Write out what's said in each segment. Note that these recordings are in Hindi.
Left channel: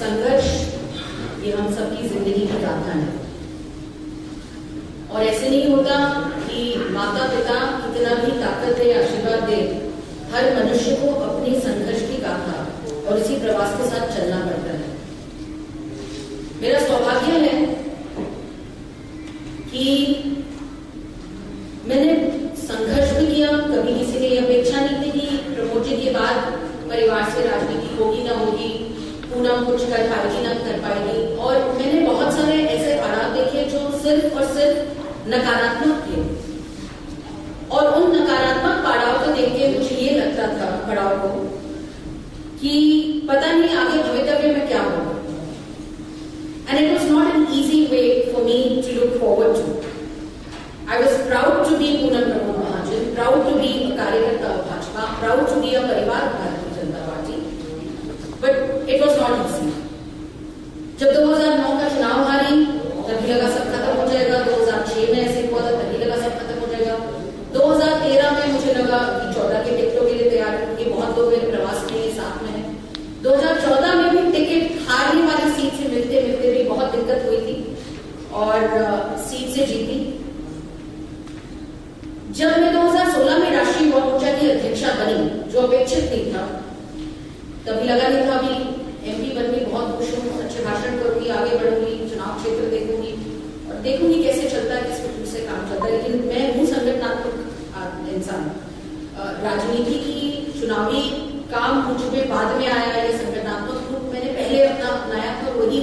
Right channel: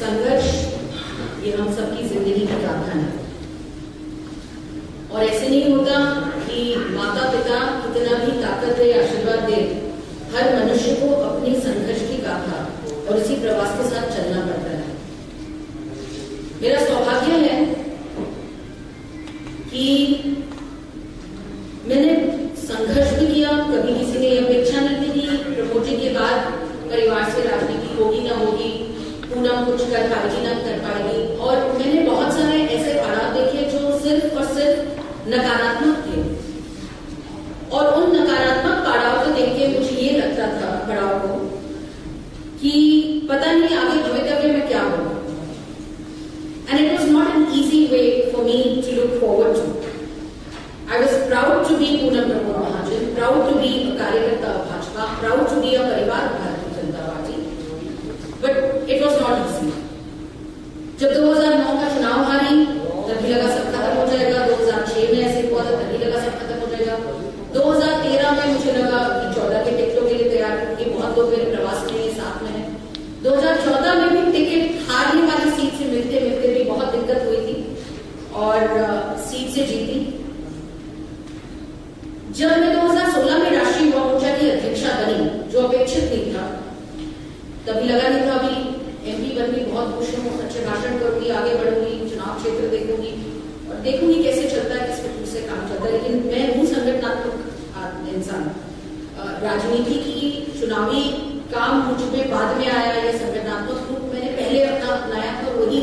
संघर्ष ये हम सबकी जिंदगी की गाथा है और ऐसे नहीं होता कि माता पिता कितना भी ताकत दे आशीर्वाद दे, हर मनुष्य को अपनी संघर्ष की गाथा और इसी प्रवास के साथ चलना पड़ता है। मेरा सौभाग्य है कि मैंने संघर्ष भी किया, कभी किसी ने अपेक्षा नहीं थी कि प्रमोद जी के बाद परिवार से राजनीति होगी ना होगी, पूनम कुछ कर पाएगी ना कर पाएगी, और मैंने बहुत सारे ऐसे पड़ाव देखे जो सिर्फ और सिर्फ नकारात्मक थे और उन नकारात्मक पड़ाव को देख के मुझे ये लगता था पड़ाव को कि पता नहीं आगे भविष्य में क्या होगा। And it was not an easy way for me to look forward to. I was proud to be Poonam Pramod Mahajan, proud to be a कार्यकर्ता of Bhajpa, proud to be a परिवार of Bharatiya Janata party, but it was not easy. जब 2009 का चुनाव हारी तभी लगा सब खत्म हो जाएगा, 2006 में ऐसे हुआ था तभी लगा सब खत्म हो जाएगा, 2013 में मुझे लगा कि 14 के टिकटों के लिए तैयार होंगे, बहुत लोग मेरे प्रवास में साथ में है। 2014 में भी टिकट हारने वाली सीट से मिलते मिलते भी बहुत दिक्कत हुई थी और सीट से जीती। जब मैं 2016 में राष्ट्रीय युवा मोर्चा की अध्यक्षा बनी, जो अपेक्षित नहीं था, तभी लगा नहीं था अभी एमपी बन गई, बहुत खुश हूँ, अच्छे भाषण करूंगी, आगे बढ़ूंगी, चुनाव क्षेत्र देखूंगी और देखूंगी कैसे चलता है, किस कुछ से काम चलता है। लेकिन मैं हूँ संगठनात्मक इंसान, राजनीति की चुनावी काम मुझ में बाद में आया, ये संगठनात्मक रूप मैंने पहले अपनाया था, वही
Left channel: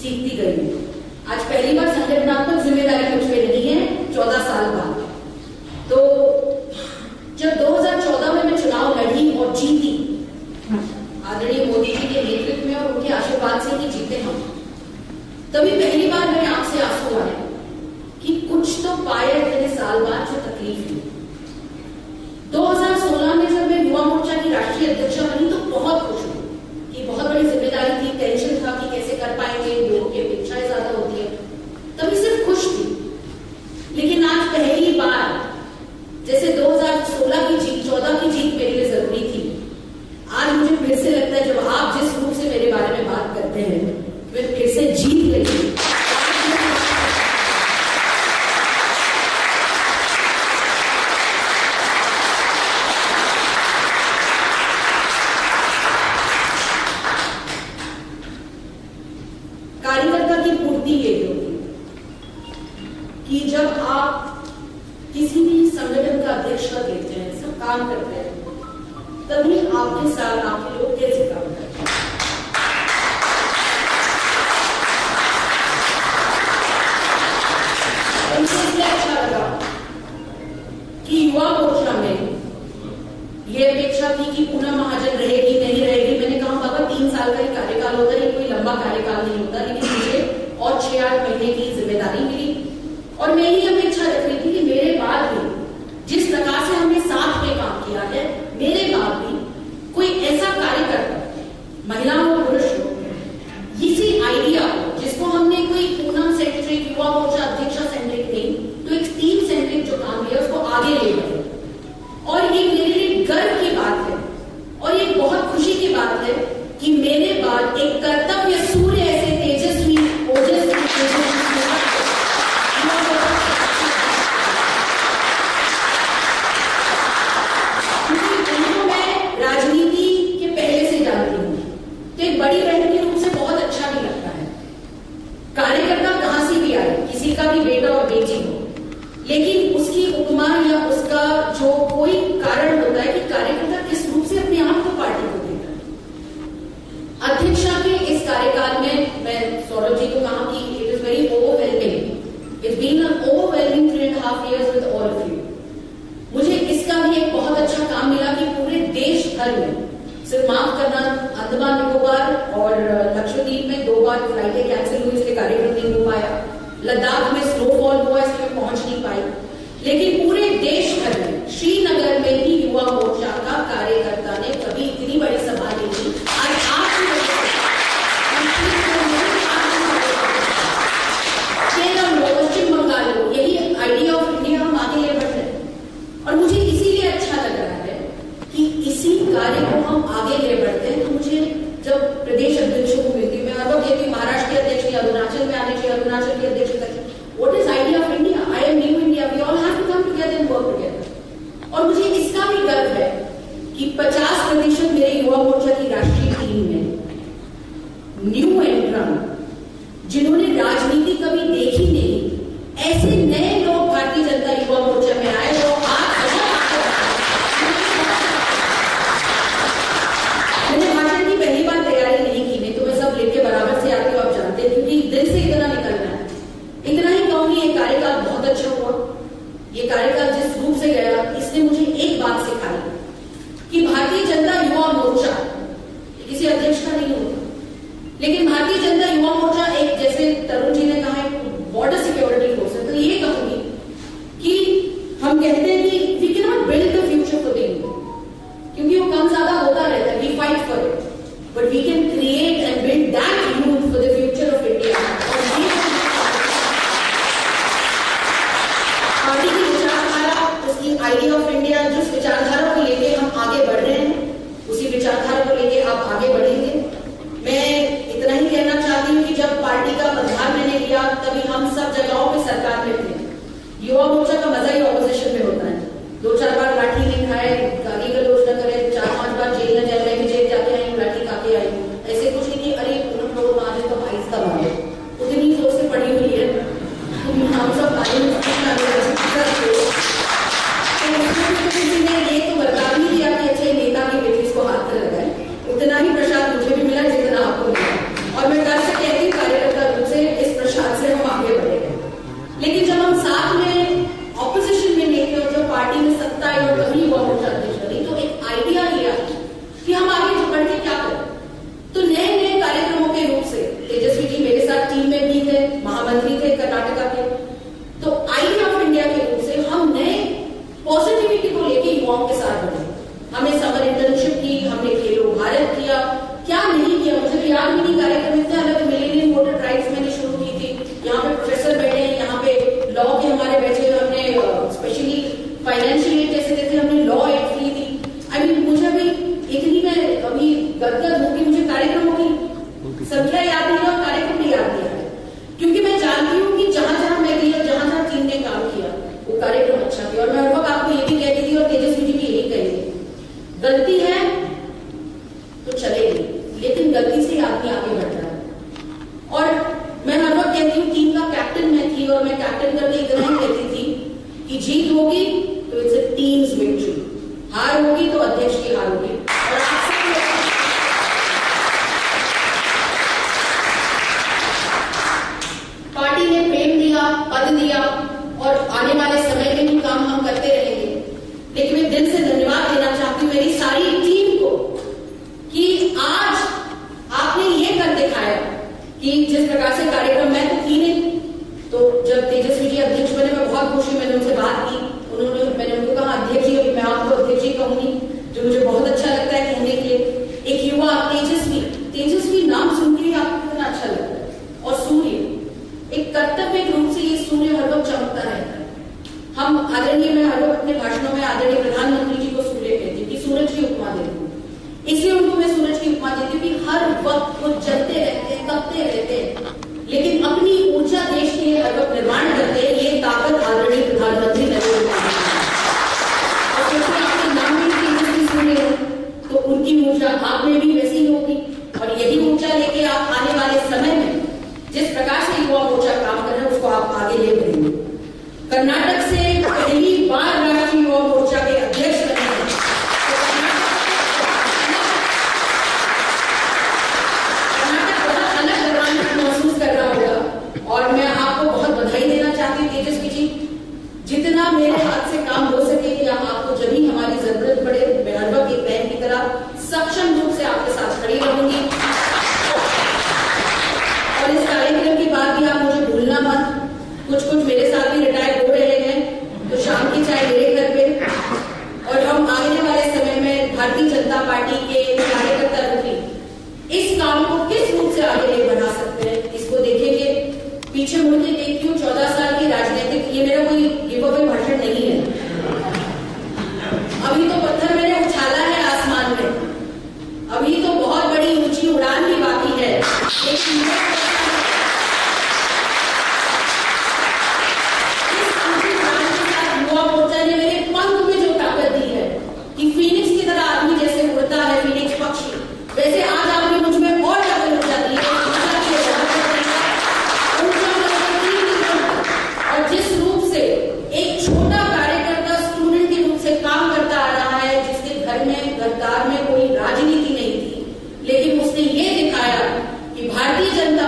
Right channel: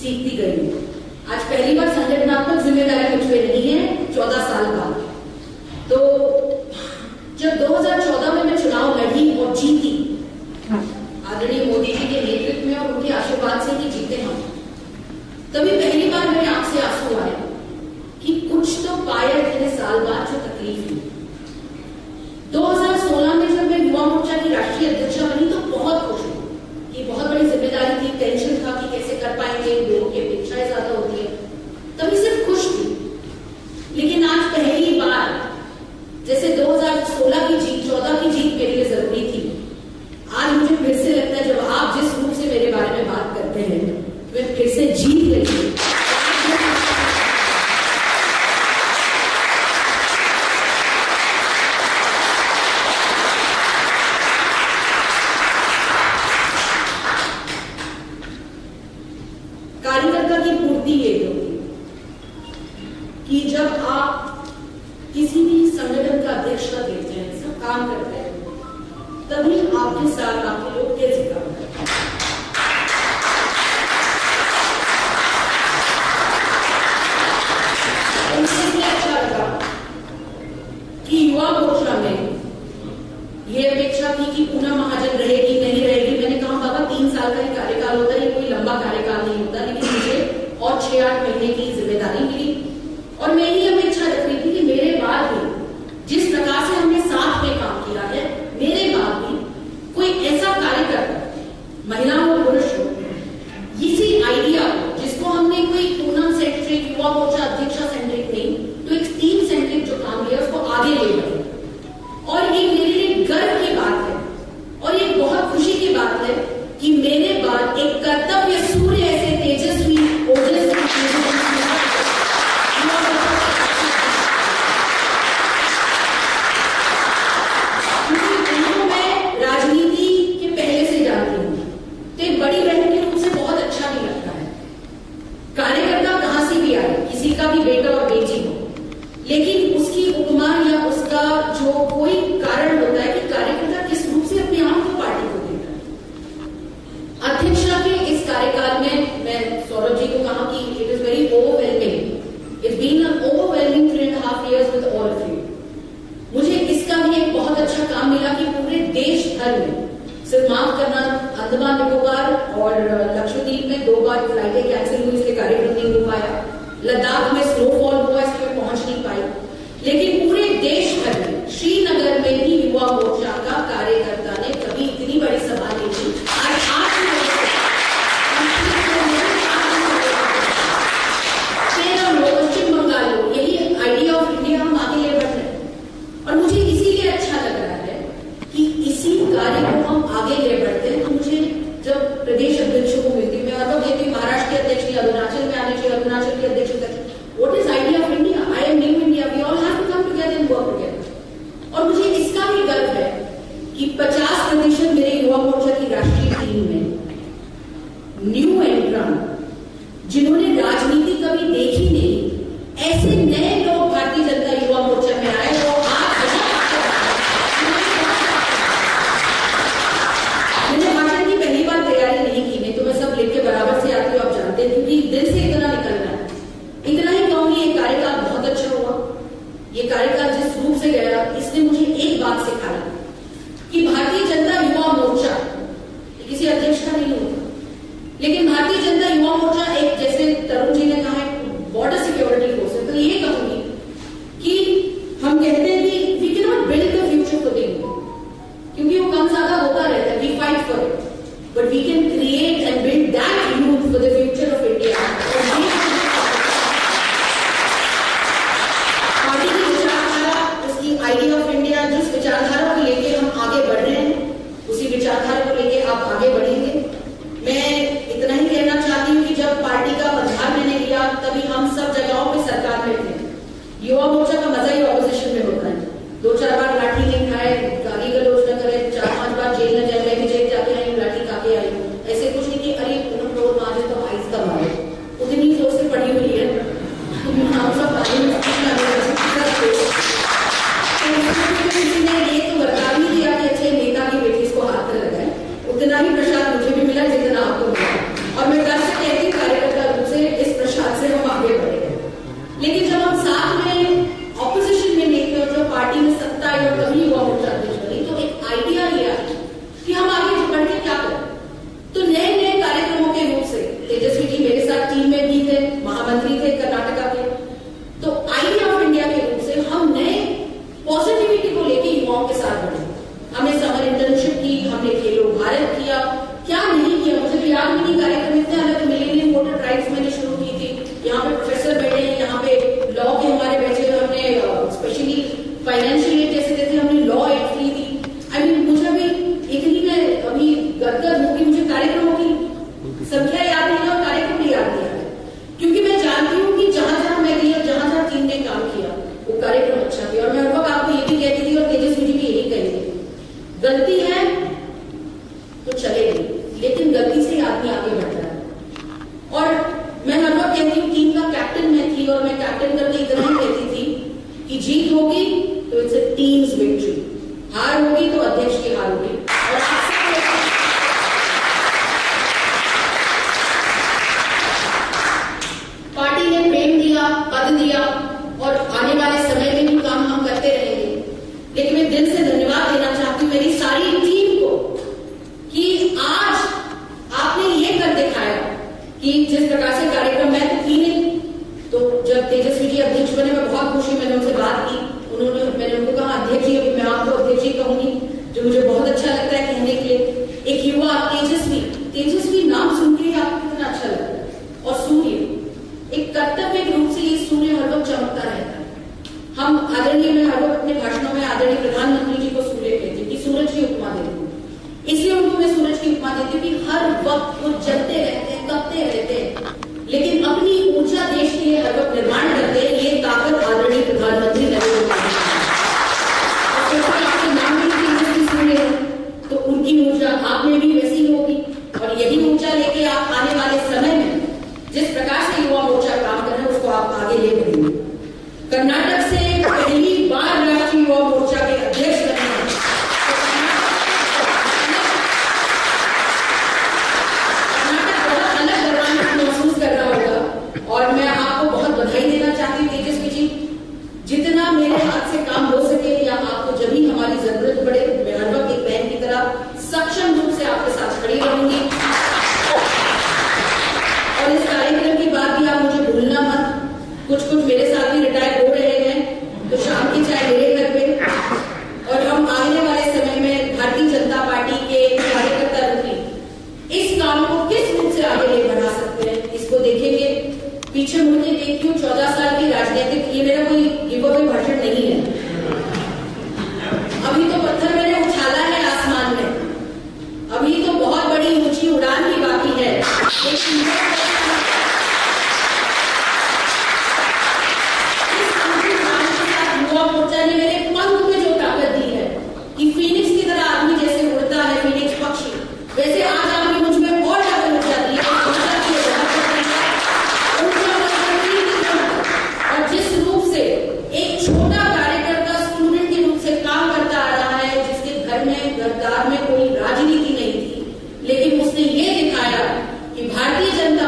सीखती गई। आज पहली बार संगठनात्मक जिम्मेदारी मुझ पे नहीं है 14 साल बाद। तो जब 2014 में मैं चुनाव लड़ी और जीती, आदरणीय मोदी जी के नेतृत्व में और उनके आशीर्वाद से ही जीते हम, तभी पहली बार मेरे आंख से आंसू आए कि कुछ तो पाया इतने साल बाद जो तकलीफ हुई। 2016 में जब मैं युवा मोर्चा की राष्ट्रीय अध्यक्षा बनी तो बहुत खुश हुई कि बहुत बड़ी जिम्मेदारी थी, टेंशन था कि कैसे कर पाएंगे, लोगों की अपेक्षाएं ज्यादा होती है, तभी सिर्फ खुश थी। लेकिन आज पहली बार जैसे 2016 की जीत 14 की जीत मेरे लिए जरूरी थी, आज मुझे फिर से लगता है जब आप जिस रूप से मेरे बारे में बात करते हैं मैं फिर से जीत गई। कार्यकर्ता की पूर्ति ये होती कि जब आप किसी भी संगठन का अध्यक्ष का देते हैं, सब काम करते हैं, तभी आपके साथ आपके लोग कैसे काम करते हैं। मुझे अच्छा लगा कि युवा मोर्चा में यह अपेक्षा थी कि पूनम महाजन रहेगी नहीं रहेगी। मैंने कहा बाबा 3 साल का ही कार्यकाल होता है, ये कोई लंबा कार्यकाल नहीं होता, लेकिन मुझे और 6-8 महीने की जिम्मेदारी मिली और मैं ही अपेक्षा रख रही थी कि मेरे बाद भी जिस प्रकार से हमने साथ में काम किया है, मेरे बाद भी कोई ऐसा कार्यकर्ता, महिला हो पुरुष हो, इसी आइडिया को जिसको हमने कोई पूनम सेंट्रिक युवा मोर्चा अध्यक्षा सेंट्रिक नहीं तो एक टीम सेंट्रिक जो काम किया उसको आगे ले बढ़े। और ये मेरे लिए गर्व की बात है और ये बहुत खुशी की बात है कि मेरे बाद एक कर्तव्य सूर्य ऐसे तेजस्वी ओजस्वी राजनीति के पहले से जानती हूँ तो एक बड़ी बहन के रूप से बहुत अच्छा भी लगता है। कार्यकर्ता कहां से भी आए, किसी का भी बेटा और बेटी हो, लेकिन उसकी उपमा या उसका जो कोई कारण होता है कि कार्यकर्ता किस रूप से अपने आप को पार्टी को देता है। अध्यक्षा के इस कार्यकाल में मैं सौरभ जी को कहा कि it is very overwhelming, it's been an overwhelming 3.5 years with all of you. मुझे इसका भी एक बहुत अच्छा काम मिला कि पूरे देश भर में, सिर्फ माफ करना अंडमान निकोबार और लक्षद्वीप में 2 बार फ्लाइटें कैंसिल हुई, इसलिए कार्यक्रम नहीं हो पाया, लद्दाख में स्नोफॉल हुआ इसलिए पहुंच नहीं पाई, लेकिन पूरे देश भर में श्रीनगर में भी युवा मोर्चा का कार्यकर्ता ने कभी इतनी बड़ी सभा नहीं की। केरल हो, पश्चिम बंगाल हो, यही आइडिया ऑफ इंडिया हम आगे ले बढ़ रहे हैं और मुझे इसीलिए अच्छा लग रहा है कि इसी कार्य को हम आगे ले बढ़ते हैं। तो मुझे जब प्रदेश अध्यक्षों को मिलती हूँ, मैं लेकिन भारतीय जनता युवा मोर्चा एक, जैसे तरुण जी ने कहा, बॉर्डर सिक्योरिटी फोर्स है। तो ये कहूंगी कि हम कहते हैं कि we can not build the future for the youth, क्योंकि वो कम ज्यादा होता रहता है, we fight for it, but we can create and build that youth for the future of India. Party की विचारधारा, उसकी आइडिया ऑफ इंडिया, जिस विचारधारा को लेके हम आगे बढ़ रहे हैं, उसी विचारधारा को लेके आप आगे बढ़ेंगे। मैं इतना ही कहना चाहती हूँ कि जब पार्टी का पदभार मैंने लिया तभी हम सब जगहों पे सरकार में थे। युवा मोर्चा का मजा ही ऑपोजिशन में होता है, 2-4 बार लाठी नहीं खाए, गाली गलौज न करे, 4-5 बार जेल न जाए, मैं भी जेल जाके आई हूँ, लाठी खा के आई हूँ। ऐसे कुछ नहीं कि अरे पूनम रोड मारे तो आइस का मारे, उतनी सोच से पड़ी हुई है हम सब। किसी ने ये तो बता भी दिया कि अच्छे नेता की बेटी इसको हाथ में लगाए, उतना ही प्रसाद मुझे भी मिला जितना आपको मिला, और मैं कल से कहती हूँ कार्यकर्ता रूप से इस प्रसाद से हम आगे बढ़ेंगे। लेकिन जब हम साथ में ऑपोजिशन में नहीं थे और जब पार्टी में सत्ता आई और तभी युवा मोर्चा अध्यक्ष बनी, तो एक आइडिया लिया कि हम आगे बढ़ के क्या करें। तो नए नए कार्यक्रमों के रूप से तेजस्वी जी मेरे साथ टीम में भी थे, महामंत्री थे कर्नाटका के, तो आइडिया ऑफ इंडिया के रूप से हम नए पॉजिटिविटी को लेके युवाओं के साथ बढ़े। हमने समर इंटर्नशिप की, हमने खेलो भारत किया, क्या नहीं किया मुझे तो याद भी नहीं। कार्यक्रम इतने अलग, मिलेनियम वोटर राइट्स मैंने शुरू की थी, यहाँ पे प्रोफेसर बैठे हैं, यहाँ पे लॉ के हमारे बैठे, हमने स्पेशली फाइनेंशियल एड जैसे देते, हमने law ad free the. I mean मुझे भी इतनी, मैं अभी गदगद हूँ कि मुझे कार्यक्रमों की संख्या याद नहीं और कार्यक्रम भी याद नहीं है, क्योंकि मैं जानती हूँ कि जहां जहां मैं गई और जहां जहां टीम ने काम किया वो कार्यक्रम अच्छा किया। और मैं हर वक्त आपको ये भी कहती थी और तेजस्वी जी भी यही कहेंगे, गलती है तो चलेगी, लेकिन गलती से आदमी आगे बढ़ता है। और मैं हर वक्त कहती हूँ, टीम का कैप्टन मैं थी और मैं कैप्टन करके इतना ही कहती थी कि जीत होगी तो इट्स अ टीम्स विक्ट्री, हार होगी तो अध्यक्ष की हार होगी। और पार्टी ने प्रेम दिया, पद दिया, और आने वाले समय में भी काम हम करते रहेंगे। लेकिन मैं दिल से धन्यवाद देना चाहती हूँ मेरी सारी टीम को कि आज आपने ये कर दिखाया कि जिस प्रकार से कार्यक्रम मैं तो थी नहीं, तो जब तेजस्वी जी अध्यक्ष बने मैं बहुत खुशी, मैंने उनसे बात की, मैंने उनको कहा अध्यक्ष जी, अभी मैं आपको अध्यक्ष जी कहूंगी, जो मुझे बहुत अच्छा लगता है कहने के लिए। एक युवा तेजस्वी नाम सुन के आपको कितना अच्छा लगता है। और सूर्य, एक कर्तव्य रूप से ये सूर्य हर वक्त चमकता रहता है। हम आदरणीय, मैं हर वक्त अपने भाषणों में आदरणीय प्रधानमंत्री जी को सूर्य कहती हूँ कि सूरज की उपमा देती हूँ, इसलिए उनको मैं सूरज की उपमा देती हूँ कि हर वक्त वो जलते रहते हैं, तपते रहते हैं, लेकिन अपनी ऊर्जा देश के लिए हर वक्त निर्माण करते हैं। ये ताकत आदरणीय प्रधानमंत्री नरेंद्र मोदी आपके नाम में तेजस्वी सूर्य है, तो उनकी ऊर्जा आप में भी वैसी होगी, और यही ऊर्जा लेके आप आने वाले समय में जिस प्रकार से युवा मोर्चा काम कर रहे हैं उसको आप आगे ले बढ़ेंगे। कर्नाटक से पहली बार राष्ट्रीय युवा मोर्चा के अध्यक्ष बने हैं, कर्नाटक बहुत अलग गौरवान्वित महसूस कर रहा होगा। और मैं आपको बहुत बधाई देना चाहती हूँ तेजस्वी जी, जितना मेरे हाथ से काम हो सके या आपको जब भी हमारी जरूरत पड़े, मैं हर वक्त एक बहन की तरह सक्षम रूप से आपके साथ खड़ी रहूंगी। और इस कार्यक्रम के बाद भी आप मुझे भूलना मत, कुछ मेरे साथ भी रिटायर हो रहे हैं, तो शाम की चाय मेरे घर पे। और हम आने वाले समय में भारतीय जनता पार्टी के कार्यकर्ता रूपी इस काम को किस रूप से आगे ले बढ़ा सकते हैं, इसको देखेंगे। पीछे मुड़ के देखती हूँ 14 साल की राजनीतिक, ये मेरा कोई गिव अवे भाषण नहीं है, अभी तो पत्थर मैंने उछाला है आसमान में, अभी तो बहुत बड़ी ऊंची उड़ान भी बाकी है। युवा मोर्चा ने मेरे पंख में जो ताकत दी है कि फीनिक्स की तरह आदमी जैसे उड़ता है, फीनिक्स पक्षी, वैसे आज आपने मुझ में और ताकत लग जाती है। और जिस रूप से एक छोटा कार्यकर्ता स्टूडेंट के रूप से काम करता आ रहा है, जिसके घर में गद्दार में कोई राजनीति नहीं थी, लेकिन उसने ये दिखाया कि भारतीय जनता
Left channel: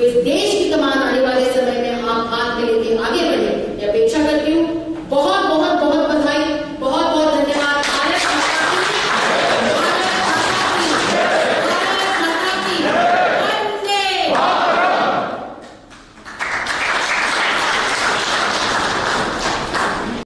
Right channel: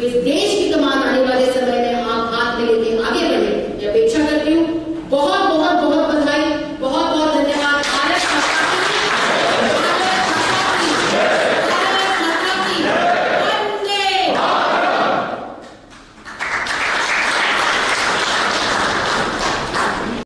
जो इस देश